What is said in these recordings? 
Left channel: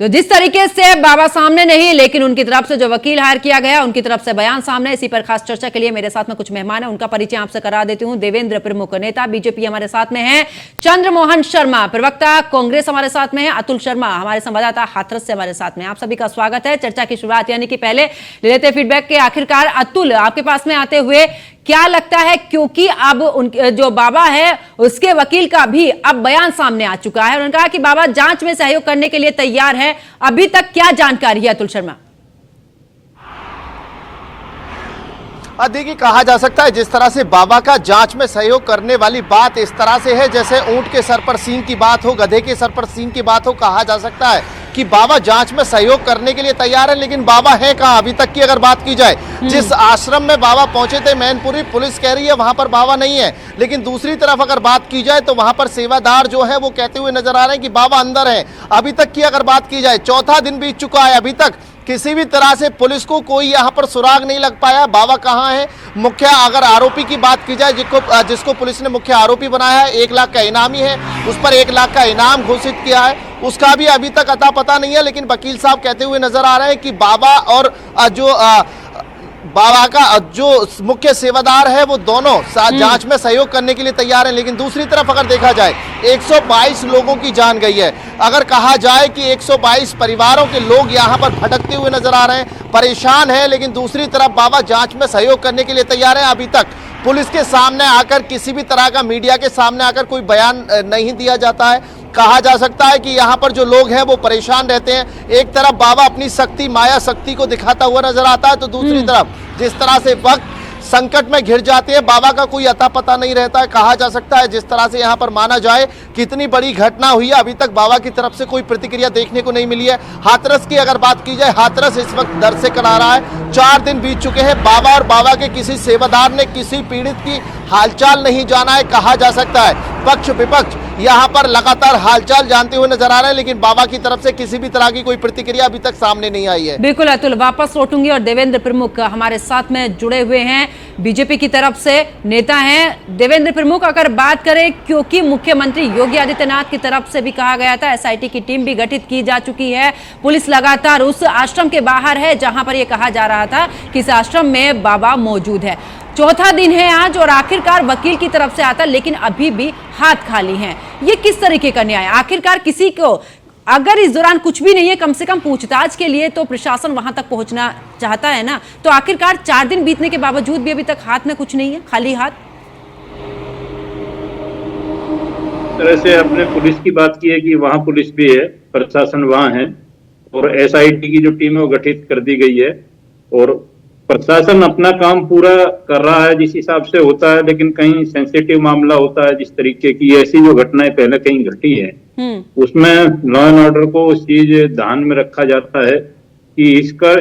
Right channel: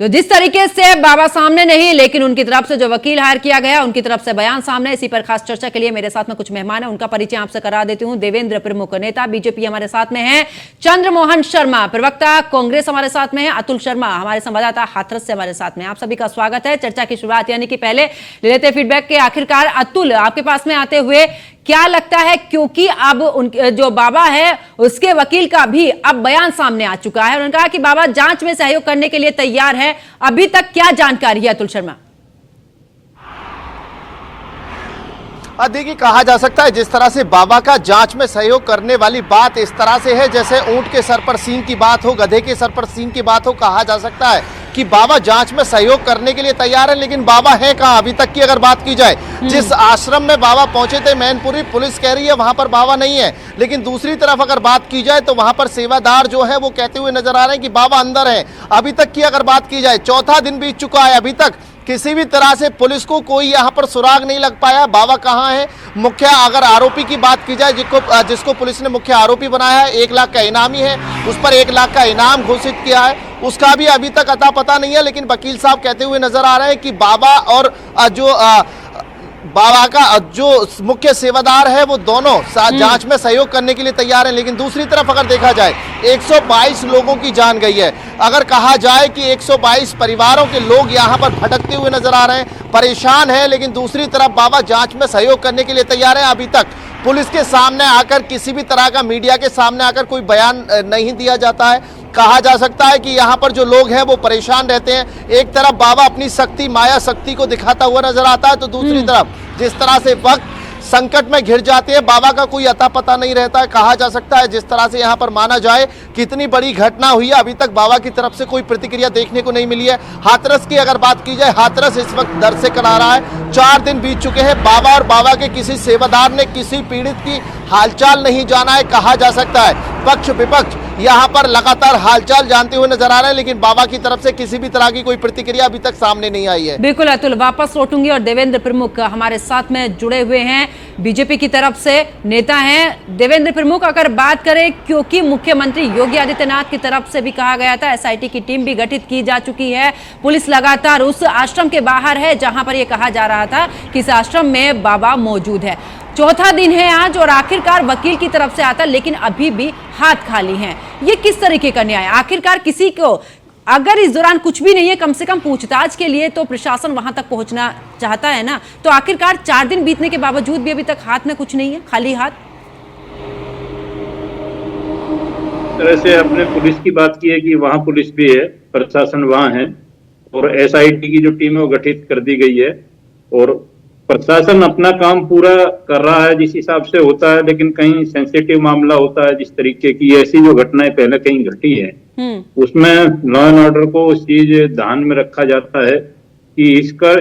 तो जिस तरीके से बाबा सामने नहीं, लेकिन उनकी तरफ से जो वकील हायर किया गया, उनकी तरफ से बयान सामने, इसी पर खास चर्चा के लिए मेरे साथ में कुछ मेहमान हैं, उनका परिचय आपसे करा देती हूं। देवेंद्र प्रमुख नेता बीजेपी हमारे साथ में हैं, चंद्रमोहन शर्मा प्रवक्ता कांग्रेस हमारे साथ में है, अतुल शर्मा हमारे संवाददाता हाथरस से हमारे साथ में। आप सभी का स्वागत है। चर्चा की शुरुआत यानी कि पहले लेते फीडबैक के आखिरकार अतुल आपके पास में आते हुए क्या लगता है, क्योंकि अब उनके जो बाबा है उसके वकील का भी अब बयान सामने आ चुका है, उन्होंने कहा कि बाबा जांच में सहयोग करने के लिए तैयार है। अभी तक क्या जानकारी है अतुल शर्मा? देखिए, कहा जा सकता है जिस तरह से बाबा का जांच में सहयोग करने वाली बात इस तरह से है जैसे ऊंट के सर पर सींग की बात हो, गधे के सर पर सींग की बात हो। कहा जा सकता है कि बाबा जांच में सहयोग करने के लिए तैयार है, लेकिन बाबा है कहां अभी तक की अगर बात की जाए। जिस आश्रम में बाबा पहुंचे थे मैनपुरी, पुलिस कह रही है वहां पर बाबा नहीं है, लेकिन दूसरी तरफ अगर बात की जाए तो वहां पर सेवादार जो है वो कहते हुए नजर आ रहे हैं कि बाबा अंदर है। अभी तक की अगर बात की जाए, चौथा दिन बीत चुका है, अभी तक किसी भी तरह से पुलिस को कोई यहाँ पर सुराग नहीं लग पाया। बाबा कहाँ है? मुख्य अगर आरोपी की बात की जाए, जिसको पुलिस ने मुख्य आरोपी बनाया है, 1 लाख का इनामी है, उस पर 1 लाख का इनाम घोषित किया है, उसका भी अभी तक अता पता नहीं है। लेकिन वकील साहब कहते हुए नजर आ रहे हैं कि बाबा और बाबा का जो मुख्य सेवादार है वो दोनों जांच में सहयोग करने के लिए तैयार हैं। लेकिन दूसरी तरफ अगर देखा जाए 122 लोगों की जान गई है। अगर कहा जाए कि 122 परिवारों के लोग यहाँ पर भटकते हुए नजर आ रहे हैं, परेशान हैं, लेकिन दूसरी तरफ बाबा जांच में सहयोग करने के लिए तैयार हैं। अभी तक पुलिस के सामने आकर, किसी भी तरह का मीडिया के सामने आकर कोई बयान नहीं दिया जाता है। कहा जा सकता है कि यहाँ पर जो लोग हैं वो परेशान रहते हैं। एक तरफ बाबा अपनी शक्ति, माया शक्ति को दिखाता हुआ नजर आता है, तो दूसरी तरफ जिस तरह से वक्त संकट में घिर जाते हैं, बाबा का कोई अता पता नहीं रहता है। कहा जा सकता है जिस तरह से यहाँ पर माना जाए कितनी बड़ी घटना हुई है, अभी तक बाबा की तरफ से कोई प्रतिक्रिया देखने को नहीं मिली है। हाथरस की अगर बात की जाए, हाथरस इस वक्त दर्द से करा रहा है। 4 दिन बीत चुके हैं, बाबा और बाबा के किसी सेवादार ने किसी पीड़ित की हालचाल नहीं जाना है। कहा जा सकता है पक्ष विपक्ष यहाँ पर लगातार हालचाल जानते हुए नजर आ रहे हैं, लेकिन बाबा की तरफ से किसी भी तरह की कोई प्रतिक्रिया अभी तक सामने नहीं आई है। बिल्कुल अतुल, वापस लौटूंगी और देवेंद्र प्रमुख हमारे साथ में जुड़े हुए हैं, बीजेपी की तरफ से नेता हैं। देवेंद्र प्रमुख, अगर बात करें, क्योंकि मुख्यमंत्री योगी आदित्यनाथ की तरफ से भी कहा गया था, एसआईटी की टीम भी गठित की जा चुकी है, पुलिस लगातार उस आश्रम के बाहर है जहां पर यह कहा जा रहा था कि इस आश्रम में बाबा मौजूद है। चौथा दिन है आज और आखिरकार वकील की तरफ से आता, लेकिन अभी भी हाथ खाली हैं। ये किस तरीके का न्याय? आखिरकार किसी को अगर इस दौरान कुछ भी नहीं है, कम से कम पूछताछ के लिए तो प्रशासन वहां तक पहुंचना चाहता है ना, तो आखिरकार 4 दिन बीतने के बावजूद भी अभी तक हाथ में कुछ नहीं है, खाली हाथ। तरह से आपने पुलिस की बात की है कि वहां पुलिस भी है, प्रशासन वहां है और एसआईटी की जो टीम है वो गठित कर दी गई है और प्रशासन अपना काम पूरा कर रहा है जिस हिसाब से होता है। लेकिन कहीं सेंसिटिव मामला होता है, जिस तरीके की ऐसी जो घटनाएं पहले कहीं घटी है, उसमें लॉ एंड ऑर्डर को उस चीज ध्यान में रखा जाता है कि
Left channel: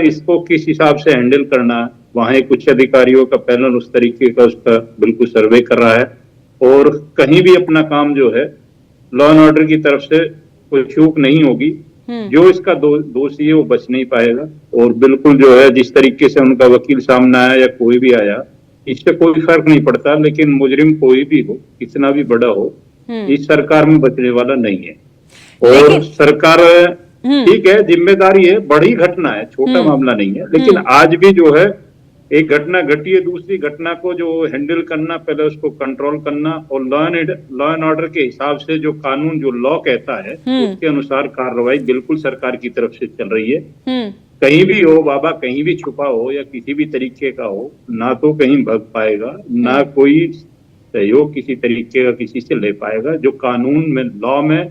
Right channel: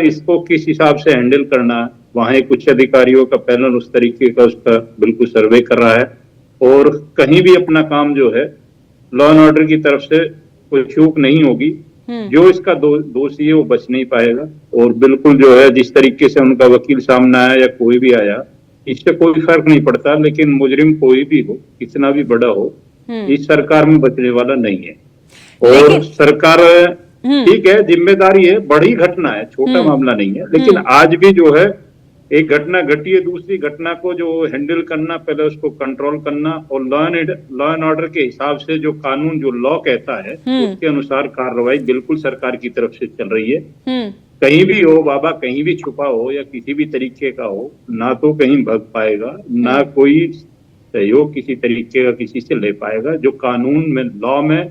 इसको किस हिसाब से हैंडल करना है। वहां एक उच्च अधिकारियों का पैनल उस तरीके का उसका बिल्कुल सर्वे कर रहा है और कहीं भी अपना काम जो है लॉ एंड ऑर्डर की तरफ से कोई चूक नहीं होगी। जो इसका दोषी है वो बच नहीं पाएगा और बिल्कुल जो है जिस तरीके से उनका वकील सामने आया या कोई भी आया, इससे कोई फर्क नहीं पड़ता। लेकिन मुजरिम कोई भी हो, कितना भी बड़ा हो, इस सरकार में बचने वाला नहीं है। और सरकार ठीक है, जिम्मेदारी है, बड़ी घटना है, छोटा मामला नहीं है, लेकिन आज भी जो है एक घटना घटी है, दूसरी घटना को जो हैंडल करना, पहले उसको कंट्रोल करना और लॉ एंड ऑर्डर के हिसाब से जो कानून, जो लॉ कहता है उसके अनुसार कार्रवाई बिल्कुल सरकार की तरफ से चल रही है। कहीं भी हो बाबा, कहीं भी छुपा हो या किसी भी तरीके का हो, ना तो कहीं भाग पाएगा, ना कोई सहयोग किसी तरीके का किसी से ले पाएगा। जो कानून में, लॉ में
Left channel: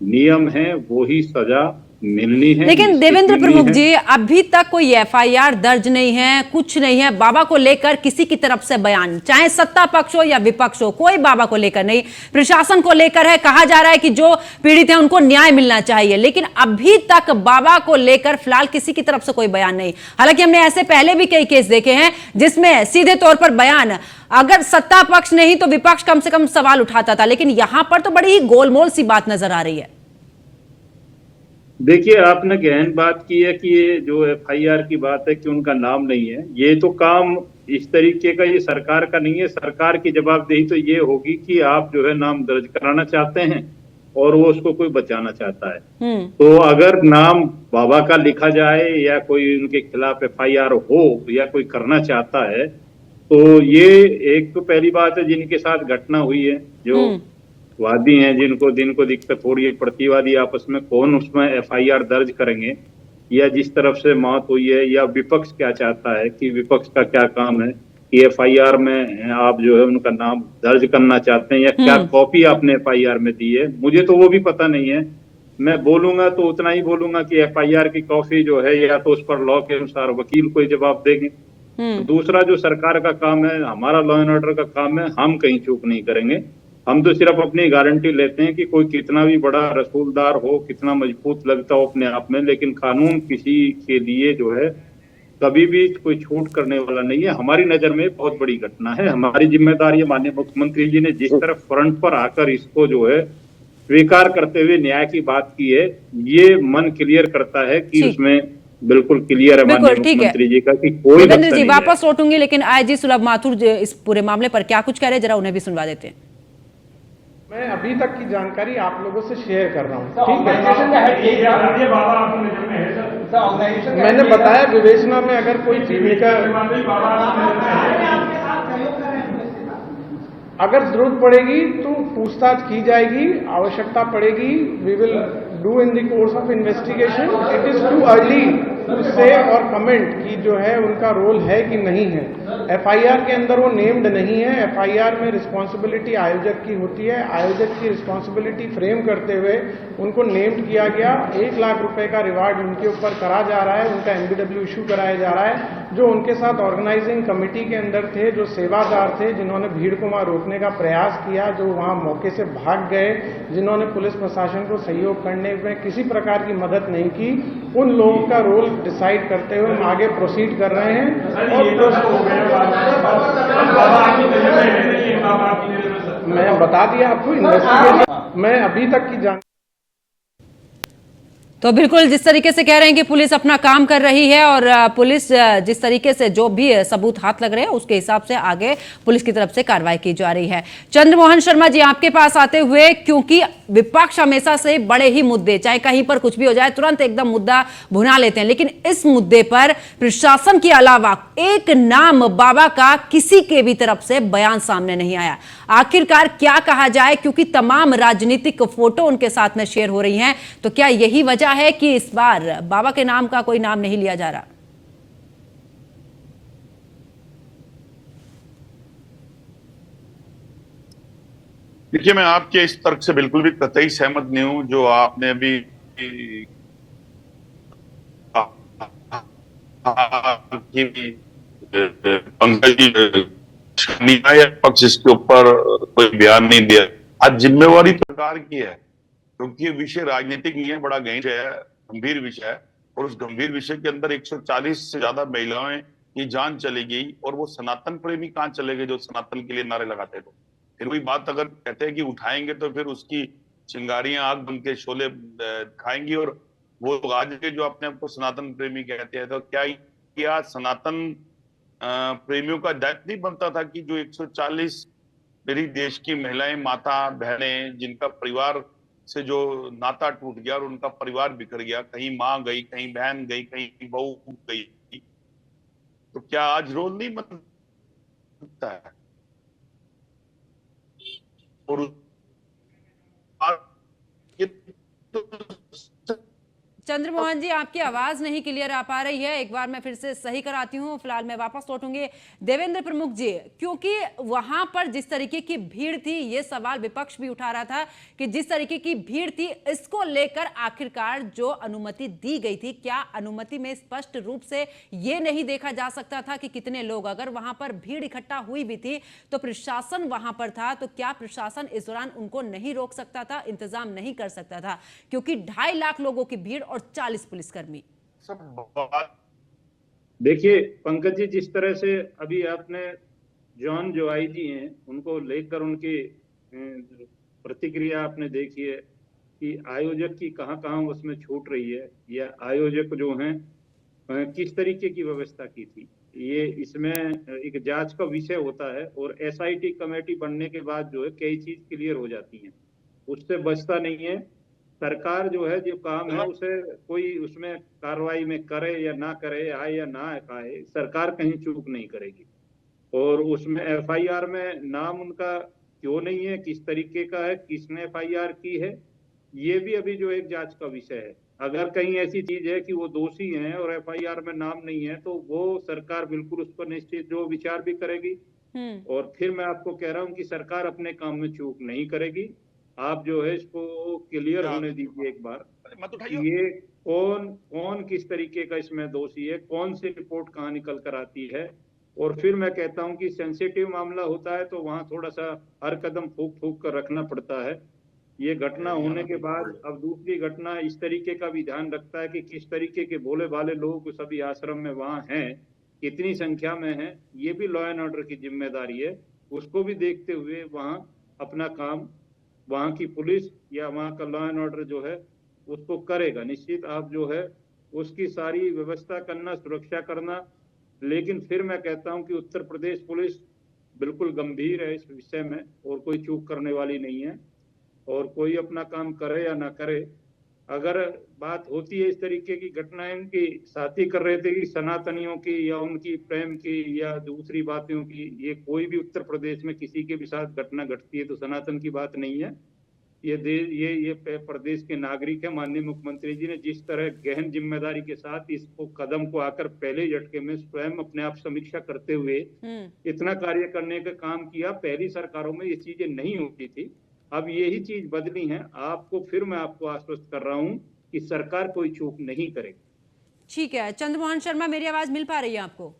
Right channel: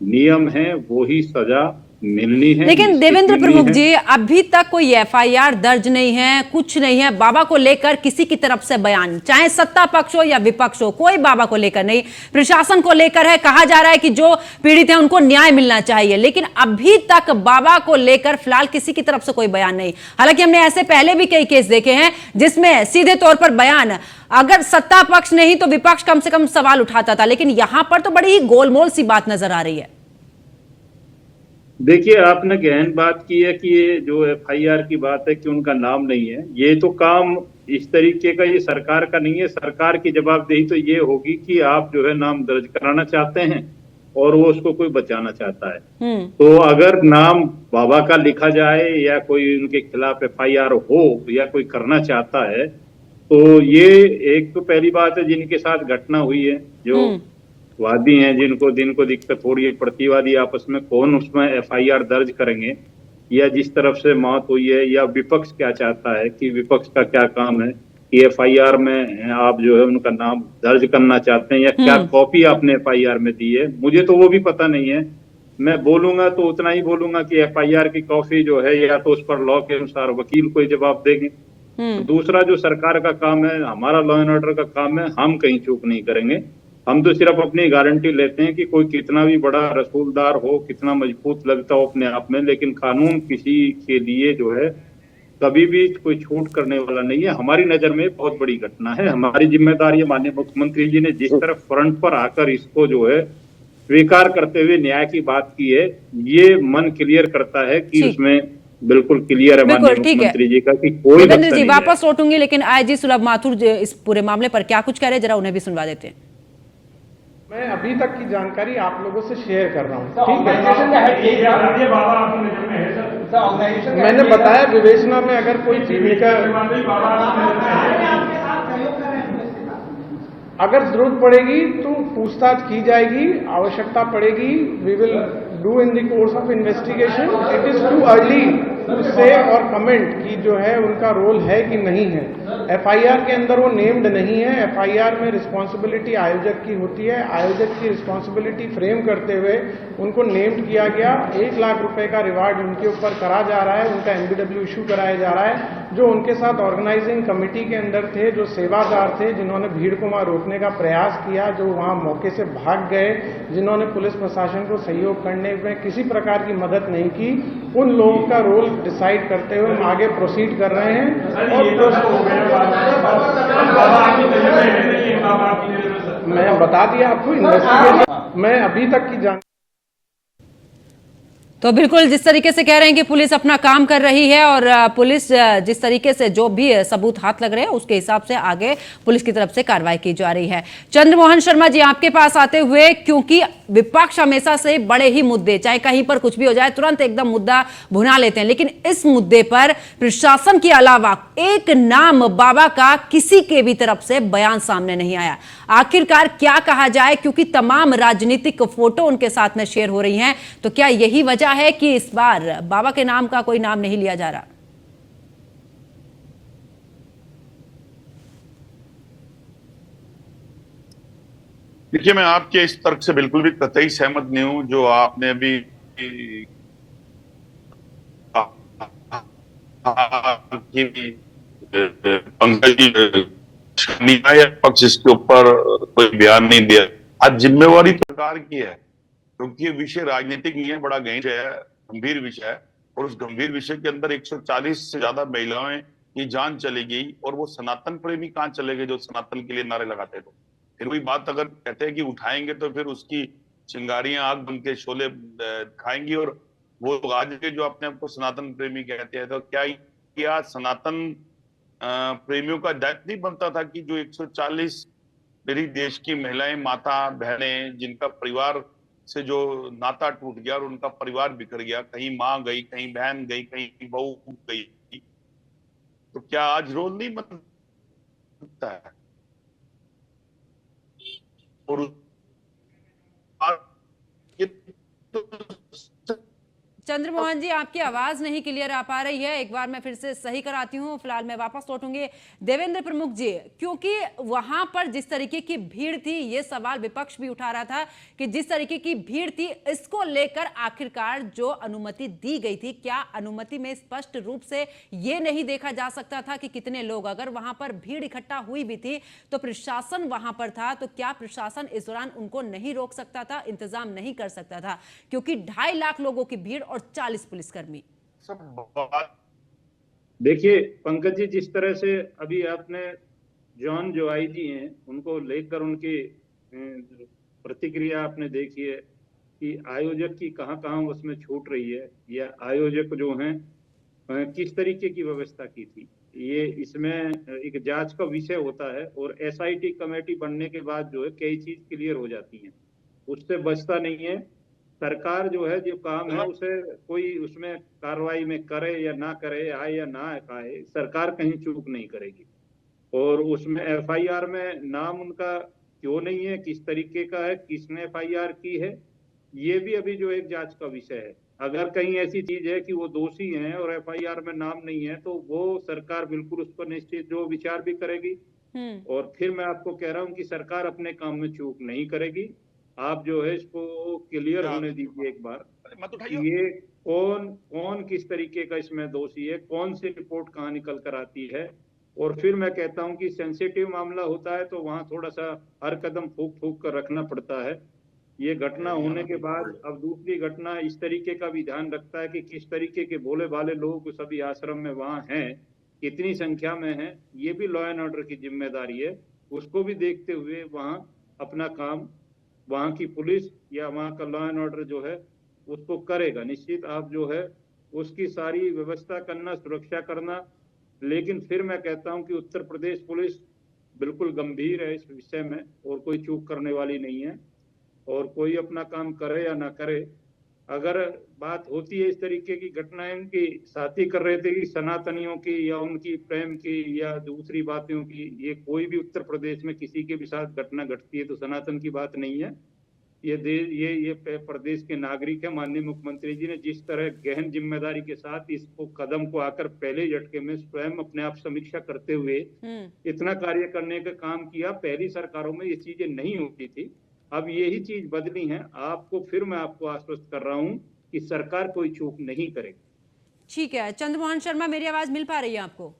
नियम है वो ही सजा मिलनी है। लेकिन देवेंद्र प्रमुख जी, अभी तक कोई एफआईआर दर्ज नहीं है, कुछ नहीं है बाबा को लेकर किसी की तरफ से बयान, चाहे सत्ता पक्ष हो या विपक्ष हो, कोई बाबा को लेकर नहीं। प्रशासन को लेकर है, कहा जा रहा है कि जो पीड़ित है उनको न्याय मिलना चाहिए, लेकिन अभी तक बाबा को लेकर फिलहाल किसी की तरफ से कोई बयान नहीं। हालांकि हमने ऐसे पहले भी कई केस देखे हैं जिसमें सीधे तौर पर बयान, अगर सत्ता पक्ष नहीं तो विपक्ष कम से कम सवाल उठाता था, लेकिन यहां पर तो बड़ी ही गोलमोल सी बात नजर आ रही है। देखिए, आपने गहन बात की है कि ये जो एफआईआर की बात है कि उनका नाम नहीं है, ये तो काम इस तरीके का ये सरकार का नहीं है। सरकार की जवाबदेही तो ये होगी कि आप जो है नाम दर्ज कराना चाहते हैं और वो उसको कोई बचाना चाहता है। हम्म। तो अगर नाम बाबा का लिखा जाए या कोई उनके खिलाफ एफआईआर हो या कोई करना चाहता है, तो ये एक तो पहली बात है जिनके साथ घटना हुई है, जो हम्म। वादी हैं, जिनको दिक्कत हो रही है, प्रतिवादी आपस में कौन उसमें एफआईआर दर्ज करेंगे, या जिस तरफ से मौत हुई है, या विपक्ष क्या चाहता है कि विपक्ष का क्या काम है कि एफआईआर में आप जो है उनका नाम दर्ज करना चाहते हैं, या क्या कॉपी आपने एफआईआर में दी है, मुझे तो वो भी पता नहीं है। मैं बोलूंगा तो उतना ही बोलूंगा कि एफआईआर की कॉपी जो है या तो उस पर लॉ के अनुसार वकील कोई जवाब देंगे। तो दूसरा जो सरकार का काम है, हमारा लॉ एंड ऑर्डर का काम है, हम कहीं चूक नहीं करेंगे। हम तो सिर्फ अपनी गारंटी लेते हैं कि कोई कितना भी बड़ा रसूलदार हो, कितना मजबूत लगता हो अपने आप में, लेकिन कानून किसी के लिए जो है कभी भी कोई छूट करने वाला नहीं है। हमारी नजर में बहुत बड़ी घटना है, हमारी जिम्मेदारी है। माननीय मुख्यमंत्री जी ने जिस तरफ फ्रंट पर आकर इसको जो है स्वीकार करते हुए न्याय की बात की है, ये मन क्लियर करता है कि ठीक। उसमें बिल्कुल क्लियर है माननीय बिल्कुल, ठीक है। मुख्यमंत्री जी का कि कोई देवेंद्र धक्का जी नहीं वापस लौटूंगी, लेकिन आईजी सुलभ माथुर इस पूरे मामले पर क्या कुछ कह रहे हैं, जरा उन्हें भी सुनवा देते हैं। मैं अभी तक की जानकारी आप लोगों से शेयर कर रहा हूँ, ठीक है। मैंने बताया विवेचना में अगर कोई चीज अगर जरूरत पड़ेगी तो पूछताछ की जाएगी, आवश्यकता पड़ेगी, we will do in the course of investigation. It is too early to say और कमेंट कि जो है उनका रोल है कि नहीं है। एफआईआर के अंदर वो नेम्ड नहीं है। एफआईआर में रिस्पॉन्सिबिलिटी आयोजक की होती है। आयोजक की रिस्पॉन्सिबिलिटी फ्रेम करते हुए उनको नेम्ड किया गया। 1 लाख रुपए का रिवार्ड उनके ऊपर करा जा रहा है, उनका एनबीडब्ल्यू इशू कराया जा रहा है। जो उनके साथ ऑर्गेनाइजिंग कमेटी के अंदर थे, जो सेवादार थे, जिन्होंने भीड़ को वहां रोकने का प्रयास किया, जो वहां मौके से भाग गए, जिन्होंने पुलिस प्रशासन को सहयोग करने में किसी प्रकार की मदद नहीं की, उन लोगों का रोल डिसाइड करते हुए हम आगे प्रोसीड कर रहे हैं। मैं बता दिया आपको, इन्वेस्टिगेशन मैं अभी तक की जान। तो बिल्कुल जिस तरीके से कह रहे हैं कि पुलिस अपना काम कर रही है और पुलिस जिस तरीके से जो भी सबूत हाथ लग रहे हैं उसके हिसाब से आगे पुलिस की तरफ से कार्रवाई की जा रही है। चंद्रमोहन शर्मा जी, आपके पास आते हुए, क्योंकि विपक्ष हमेशा से बड़े ही मुद्दे, चाहे कहीं पर कुछ भी हो जाए तुरंत एकदम मुद्दा भुना लेते हैं, लेकिन इस मुद्दे पर प्रशासन के अलावा एक नाम बाबा का किसी के भी तरफ से बयान सामने नहीं आया। आखिरकार क्या कहा जाए, क्योंकि तमाम राजनीतिक फोटो उनके साथ में शेयर हो रही हैं, तो क्या यही वजह है कि इस बार बाबा के नाम का कोई नाम नहीं लिया जा रहा? देखिए, मैं आपके इस तर्क से बिल्कुल भी कतई सहमत नहीं हूं जो आपने अभी पक्ष इसके ऊपर कोई बयान नहीं दिया। आज जिम्मेवारी सरकार की है, क्योंकि ये विषय राजनीतिक नहीं है, बड़ा गंभीर विषय है। और उस गंभीर विषय के अंदर 140 से ज्यादा महिलाएं की जान चली गई, और वो सनातन प्रेमी कहाँ चले गए जो सनातन के लिए नारे लगाते थे। फिर वही बात अगर कहते हैं कि उठाएंगे तो फिर उसकी चिंगारियां आग बन के शोले खाएंगी। और वो आज के जो अपने आप को सनातन प्रेमी कहते हैं, तो क्या सनातन प्रेमियों का दायित्व नहीं बनता था कि जो 140 मेरी देश की महिलाएं, माता, बहनें, जिनका परिवार से जो नाता टूट गया और उनका परिवार बिखर गया, कहीं माँ गई, कहीं बहन गई, कहीं बहू गई, तो क्या आज रोल नहीं बनता है? और चंद्रमोहन जी, आपकी आवाज नहीं क्लियर आ पा रही है, एक बार मैं फिर से सही कराती हूँ, फिलहाल मैं वापस लौटूंगी। देवेंद्र प्रमुख जी, क्योंकि वहां पर जिस तरीके की भीड़ थी, ये सवाल विपक्ष भी उठा रहा था कि जिस तरीके की भीड़ थी, इसको लेकर आखिरकार जो अनुमति दी गई थी, क्या अनुमति में स्पष्ट रूप से ये नहीं देखा जा सकता था कि कितने लोग, अगर वहां पर भीड़ इकट्ठा हुई भी थी तो प्रशासन वहां पर था, तो क्या प्रशासन इस दौरान उनको नहीं रोक सकता था, इंतजाम नहीं कर सकता था? क्योंकि 2.5 लाख लोगों की भीड़ और 40 पुलिसकर्मी। देखिए पंकज जी, जिस तरह से अभी आपने जॉन जो आईजी हैं उनको लेकर उनकी प्रतिक्रिया आपने देखी है कि आयोजक की कहां उसमें छूट रही है, या आयोजक जो हैं किस तरीके की व्यवस्था की थी। ये इसमें एक जांच का विषय होता है, और एसआईटी कमेटी बनने के बाद जो है कई चीज क्लियर हो जाती हैं। उससे बचता नहीं है। सरकार जो है, जो काम है, उसे कोई उसमें कार्रवाई में करे या ना करे, आए या ना आए, सरकार कहीं चूक नहीं करेगी। और उसमें एफआईआर में नाम उनका क्यों नहीं है, किस तरीके का है, किसने एफआईआर की है, ये भी अभी जो एक जांच का विषय है। अगर कहीं ऐसी चीज है कि वो दोषी हैं और एफआईआर में नाम नहीं है, तो वो सरकार बिल्कुल उस पर निश्चित जो विचार भी करेगी। और फिर मैं आपको कह रहा हूं कि सरकार अपने काम में चूक नहीं करेगी। आप जो है इसको क्लियर होने दीजिए एक बार, मत कि उठाइए। ये कौन कौन किस तरीके का इसमें दोषी है, कौन सी रिपोर्ट कहाँ निकल कर आती है। और फिर मैं कहता हूं कि सेंसिटिव मामला होता है तो वहां थोड़ा सा हर कदम फूक फूक कर रखना पड़ता है। ये घटना होने के बाद अब दूसरी घटना इस तरीके का भी ध्यान रखता है कि किस तरीके के भोले भाले लोग सभी आश्रम में वहां हैं, कितनी संख्या में हैं, ये भी लॉ एंड ऑर्डर की जिम्मेदारी है। उसको भी देखते हुए वहां अपना काम वहां की पुलिस या वहां का लॉ एंड ऑर्डर जो है उसको करेगा। निश्चित आप जो है उसकी सारी व्यवस्था करना, सुरक्षा करना। लेकिन फिर मैं कहता हूं कि उत्तर प्रदेश पुलिस बिल्कुल गंभीर है इस विषय में और कोई चूक करने वाली नहीं है। और कोई अपना काम करे या ना करे, अगर बात होती है इस तरीके की घटनाएं की, साथी कर रहे थे कि सनातनियों की या उनकी प्रेम की या दूसरी बातों की, ये कोई भी उत्तर प्रदेश में किसी के भी साथ घटना घटती है तो सनातन की बात नहीं है। ये प्रदेश के नागरिक है। माननीय मुख्यमंत्री जी ने जिस तरह गहन जिम्मेदारी के साथ इसको कदम को आकर पहले झटके में स्वयं अपने आप समीक्षा करते हुए इतना कार्य करने का काम किया, पहली सरकारों में ये चीजें नहीं होती थी। अब यही चीज बदली है। फिर मैं आपको आश्वस्त कर रहा हूं कि सरकार कोई चूक नहीं करेगी। ठीक है चंद्रमोहन शर्मा, मेरी आवाज मिल पा रही है आपको?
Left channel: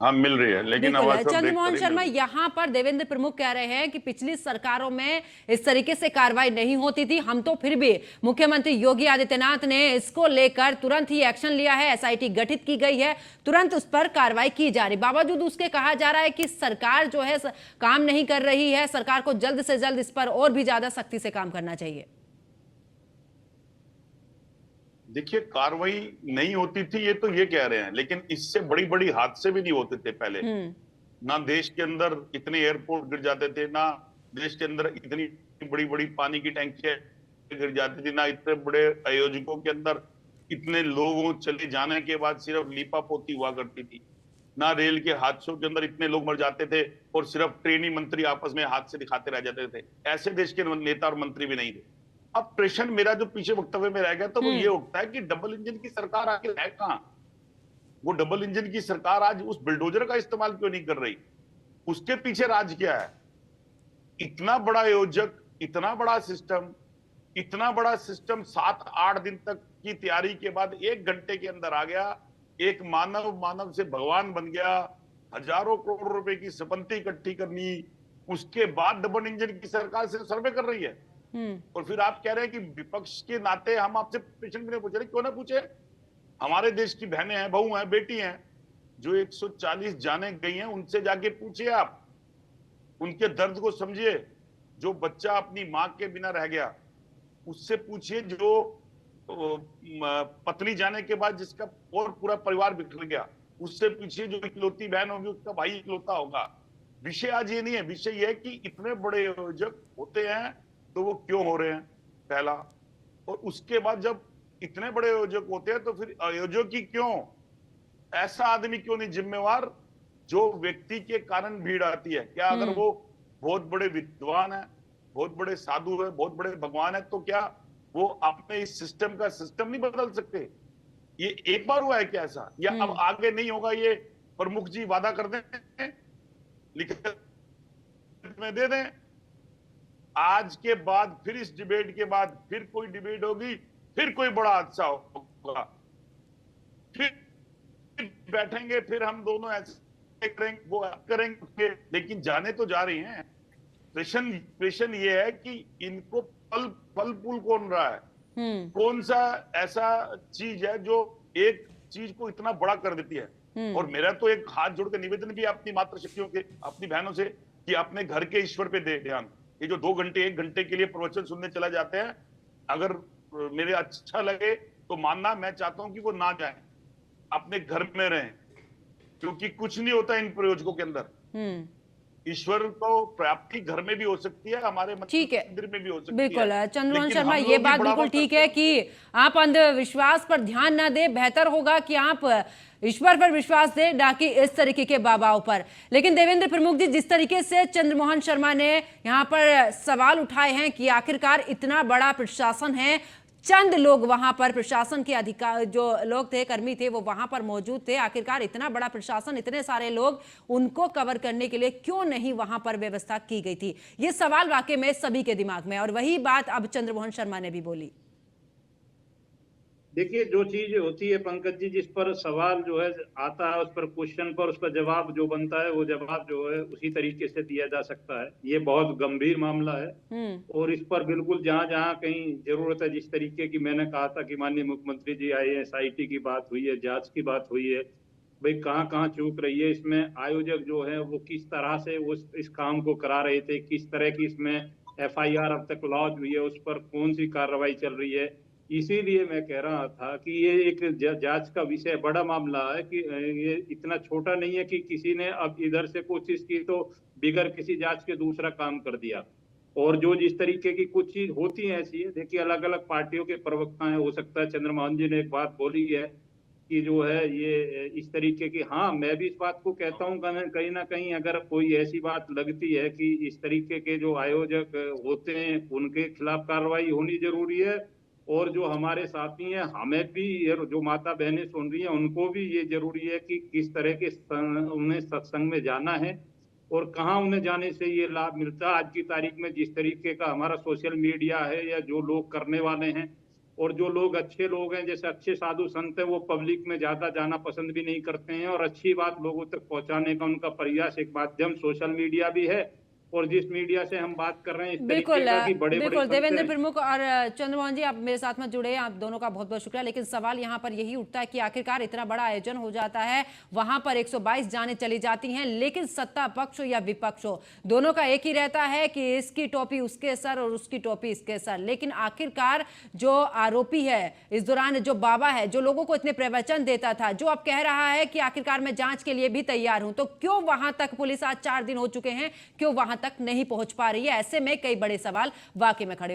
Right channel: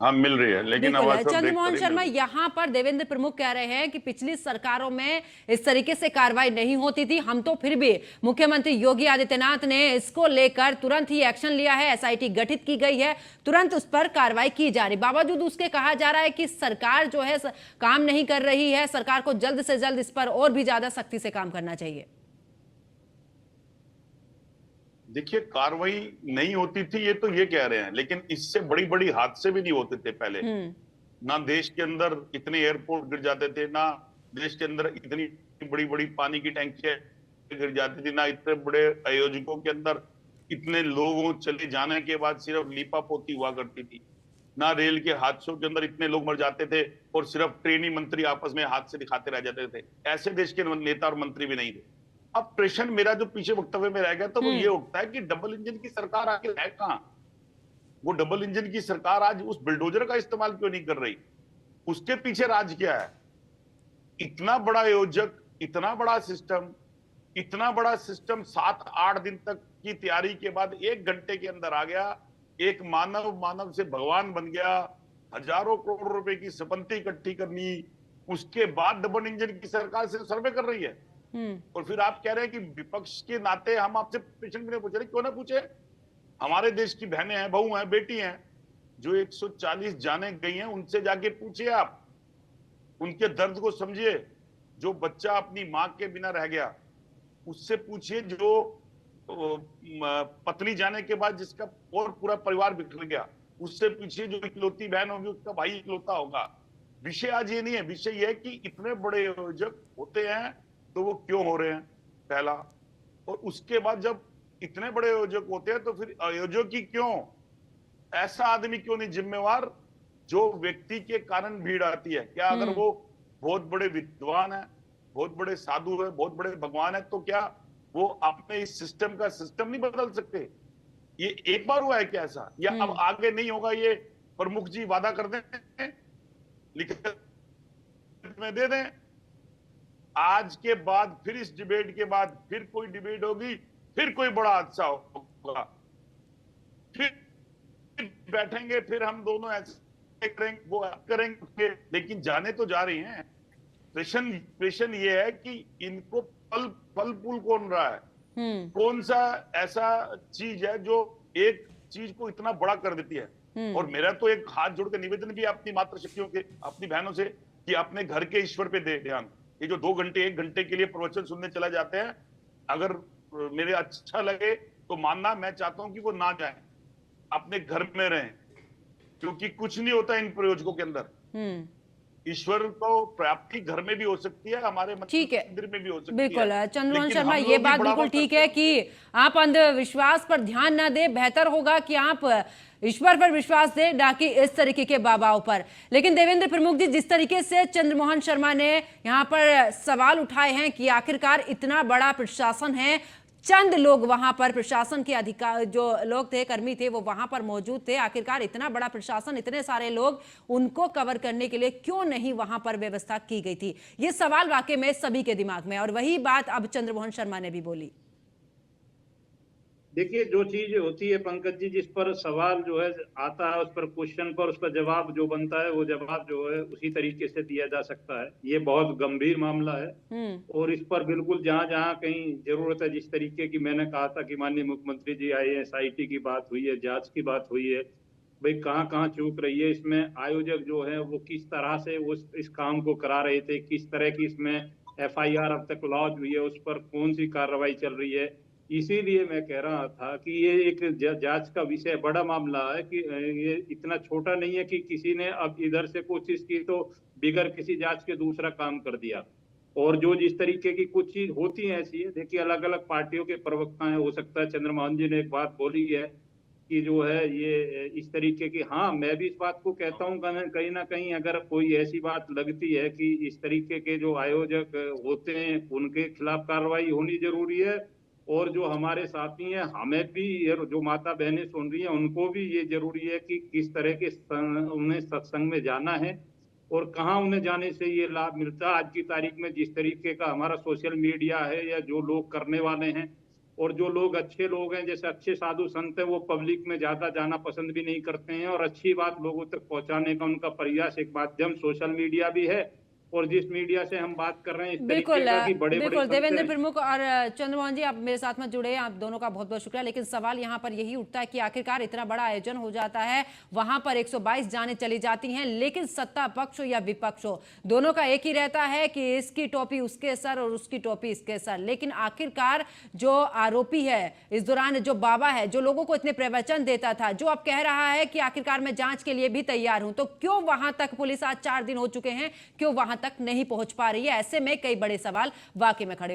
हाँ मिल रही है, लेकिन बिल्कुल आवाज सब ब्रेक चंद्रमोहन कर रही शर्मा, है। यहाँ पर देवेंद्र प्रमुख कह रहे हैं कि पिछली सरकारों में इस तरीके से कार्रवाई नहीं होती थी, हम तो फिर भी मुख्यमंत्री योगी आदित्यनाथ ने इसको लेकर तुरंत ही एक्शन लिया है, एसआईटी गठित की गई है, तुरंत उस पर कार्रवाई की जा रही। बावजूद उसके कहा जा रहा है कि सरकार जो है काम नहीं कर रही है, सरकार को जल्द से जल्द इस पर और भी ज्यादा सख्ती से काम करना चाहिए। देखिए, कार्रवाई नहीं होती थी ये तो ये कह रहे हैं, लेकिन इससे बड़ी बड़ी हादसे भी नहीं होते थे पहले। ना देश के अंदर इतने एयरपोर्ट गिर जाते थे, ना देश के अंदर इतनी बड़ी बड़ी पानी की टैंकियां गिर जाती थी, ना इतने बड़े आयोजकों के अंदर इतने लोगों चले जाने के बाद सिर्फ लीपापोती हुआ करती थी, ना रेल के हादसों के अंदर इतने लोग मर जाते थे और सिर्फ ट्रेनी मंत्री आपस में हाथ से दिखाते रह जाते थे। ऐसे देश के नेता और मंत्री भी नहीं थे। अब प्रश्न मेरा जो पीछे वक्तव्य में रह गया तो वो ये उठता है कि डबल इंजन की सरकार आखिर है कहां? वो डबल इंजन की सरकार आज उस बुलडोजर का इस्तेमाल क्यों नहीं कर रही? उसके पीछे राज क्या है? इतना बड़ा आयोजक, इतना बड़ा सिस्टम 7-8 दिन तक की तैयारी के बाद 1 घंटे के अंदर आ गया। एक मानव से भगवान बन गया। हजारों करोड़ रुपए की संपत्ति इकट्ठी करनी, उसके बाद डबल इंजन की सरकार से सर्वे कर रही है। और फिर आप कह रहे हैं कि विपक्ष के नाते हम आपसे प्रश्न भी नहीं पूछ रहे। क्यों ना पूछे? हमारे देश की बहनें हैं, बहू हैं, बेटी हैं, जो 140 जाने गई हैं, उनसे जाके पूछिए आप, उनके दर्द को समझिए। जो बच्चा अपनी मां के बिना रह गया उससे पूछिए, जो पत्नी जाने के बाद जिसका और पूरा परिवार बिखर गया उससे पूछिए, जो इकलौती बहन होगी उसका भाई इकलौता होगा। विषय आज ये नहीं है, विषय ये है कि इतने बड़े आयोजक होते हैं तो वो क्यों हो रहे हैं, पहला। और उसके बाद जब इतने बड़े आयोजक होते हैं तो फिर आयोजक ही क्यों, ऐसा आदमी क्यों नहीं जिम्मेवार जो व्यक्ति के कारण भीड़ आती है? क्या अगर वो बहुत बड़े विद्वान है, बहुत बड़े साधु है, बहुत बड़े भगवान है, तो क्या वो अपने इस सिस्टम का सिस्टम नहीं बदल सकते? ये एक बार हुआ है क्या ऐसा? या अब आगे नहीं होगा? ये प्रमुख जी वादा कर दें, लिखित में दे दें, आज के बाद फिर इस डिबेट के बाद फिर कोई डिबेट होगी, फिर कोई बड़ा हादसा होगा, फिर बैठेंगे, फिर हम दोनों ऐसे करेंगे, वो करेंगे, लेकिन जाने तो जा रही हैं। प्रश्न ये है कि इनको फल फूल कौन रहा है? कौन सा ऐसा चीज है जो एक चीज को इतना बड़ा कर देती है? और मेरा तो एक हाथ जोड़ के निवेदन भी अपनी मातृशक्तियों के, अपनी बहनों से, कि अपने घर के ईश्वर पे दे ध्यान। ये जो 2 घंटे 1 घंटे के लिए प्रवचन सुनने चला जाते हैं, अगर मेरे अच्छा लगे तो मानना, मैं चाहता हूं कि वो ना जाए, अपने घर में रहें, क्योंकि कुछ नहीं होता इन प्रयोजकों के अंदर। ईश्वर को प्राप्ति घर में भी हो सकती है, हमारे ठीक है, मंदिर में भी हो सकती बिल्कुल है। चंद्रमोहन लेकिन शर्मा, हम ये लोग भी बात बिल्कुल बढ़ावा ठीक करते है कि आप अंधविश्वास पर ध्यान ना दे, बेहतर होगा कि आप ईश्वर पर विश्वास दे, ना कि इस तरीके के बाबाओं पर। लेकिन देवेंद्र प्रमुख जी, जिस तरीके से चंद्रमोहन शर्मा ने यहाँ पर सवाल उठाए हैं कि आखिरकार इतना बड़ा प्रशासन है, चंद लोग वहां पर प्रशासन के अधिकार जो लोग थे, कर्मी थे, वो वहां पर मौजूद थे, आखिरकार इतना बड़ा प्रशासन, इतने सारे लोग, उनको कवर करने के लिए क्यों नहीं वहां पर व्यवस्था की गई थी? ये सवाल वाकई में सभी के दिमाग में, और वही बात अब चंद्रमोहन शर्मा ने भी बोली। देखिए, जो चीज होती है पंकज जी, जिस पर सवाल जो है आता है, उस पर क्वेश्चन पर उसका जवाब जो बनता है, वो जवाब जो है उसी तरीके से दिया जा सकता है। ये बहुत गंभीर मामला है और इस पर बिल्कुल जहां जहां कहीं जरूरत है, जिस तरीके की मैंने कहा था कि माननीय मुख्यमंत्री जी आए हैं, SIT की बात हुई है, जांच की बात हुई है, भाई कहाँ कहाँ चूक रही है, इसमें आयोजक जो है वो किस तरह से इस काम को करा रहे थे, किस तरह की इसमें FIR अब तक लॉन्च हुई है, उस पर कौन सी कार्रवाई चल रही है। इसीलिए मैं कह रहा था कि ये एक जांच का विषय, बड़ा मामला है कि ये इतना छोटा नहीं है कि किसी ने अब इधर से कोशिश की तो बिगर किसी जांच के दूसरा काम कर दिया। और जो जिस तरीके की कुछ चीज होती है ऐसी है, देखिए अलग अलग पार्टियों के प्रवक्ता हैं, हो सकता है चंद्रमोहन जी ने एक बात बोली है कि जो है ये इस तरीके की, हाँ मैं भी इस बात को कहता हूँ कहीं ना कहीं अगर कोई ऐसी बात लगती है कि इस तरीके के जो आयोजक होते हैं उनके खिलाफ कार्रवाई होनी जरूरी है, और जो हमारे साथी हैं, हमें भी, जो माता बहनें सुन रही हैं, उनको भी ये जरूरी है कि किस तरह के उन्हें सत्संग में जाना है और कहाँ उन्हें जाने से ये लाभ मिलता है। आज की तारीख में जिस तरीके का हमारा सोशल मीडिया है, या जो लोग करने वाले हैं, और जो लोग अच्छे लोग हैं, जैसे अच्छे साधु संत हैं, वो पब्लिक में ज्यादा जाना पसंद भी नहीं करते हैं, और अच्छी बात लोगों तक पहुंचाने का उनका प्रयास, एक माध्यम सोशल मीडिया भी है। और जिस मीडिया से हम बात कर रहे हैं, इस बिल्कुल तरीके का कि बड़े बिल्कुल देवेंद्र प्रमुख और चंद्रमोहन जी, आप मेरे साथ में जुड़े हैं, आप दोनों का बहुत बहुत शुक्रिया। लेकिन सवाल यहाँ पर यही उठता है कि आखिरकार इतना बड़ा आयोजन हो जाता है, वहां पर 122 जाने चली जाती हैं, लेकिन सत्ता पक्ष हो या विपक्ष हो, दोनों का एक ही रहता है कि इसकी टोपी उसके सर और उसकी टोपी इसके सर। लेकिन आखिरकार जो आरोपी है इस दौरान, जो बाबा है, जो लोगों को इतने प्रवचन देता था, जो अब कह रहा है कि आखिरकार मैं जांच के लिए भी तैयार हूं, तो क्यों वहां तक पुलिस आज 4 दिन हो चुके हैं, क्यों वहां तक नहीं पहुंच पा रही है? ऐसे में कई बड़े सवाल वाकई में खड़े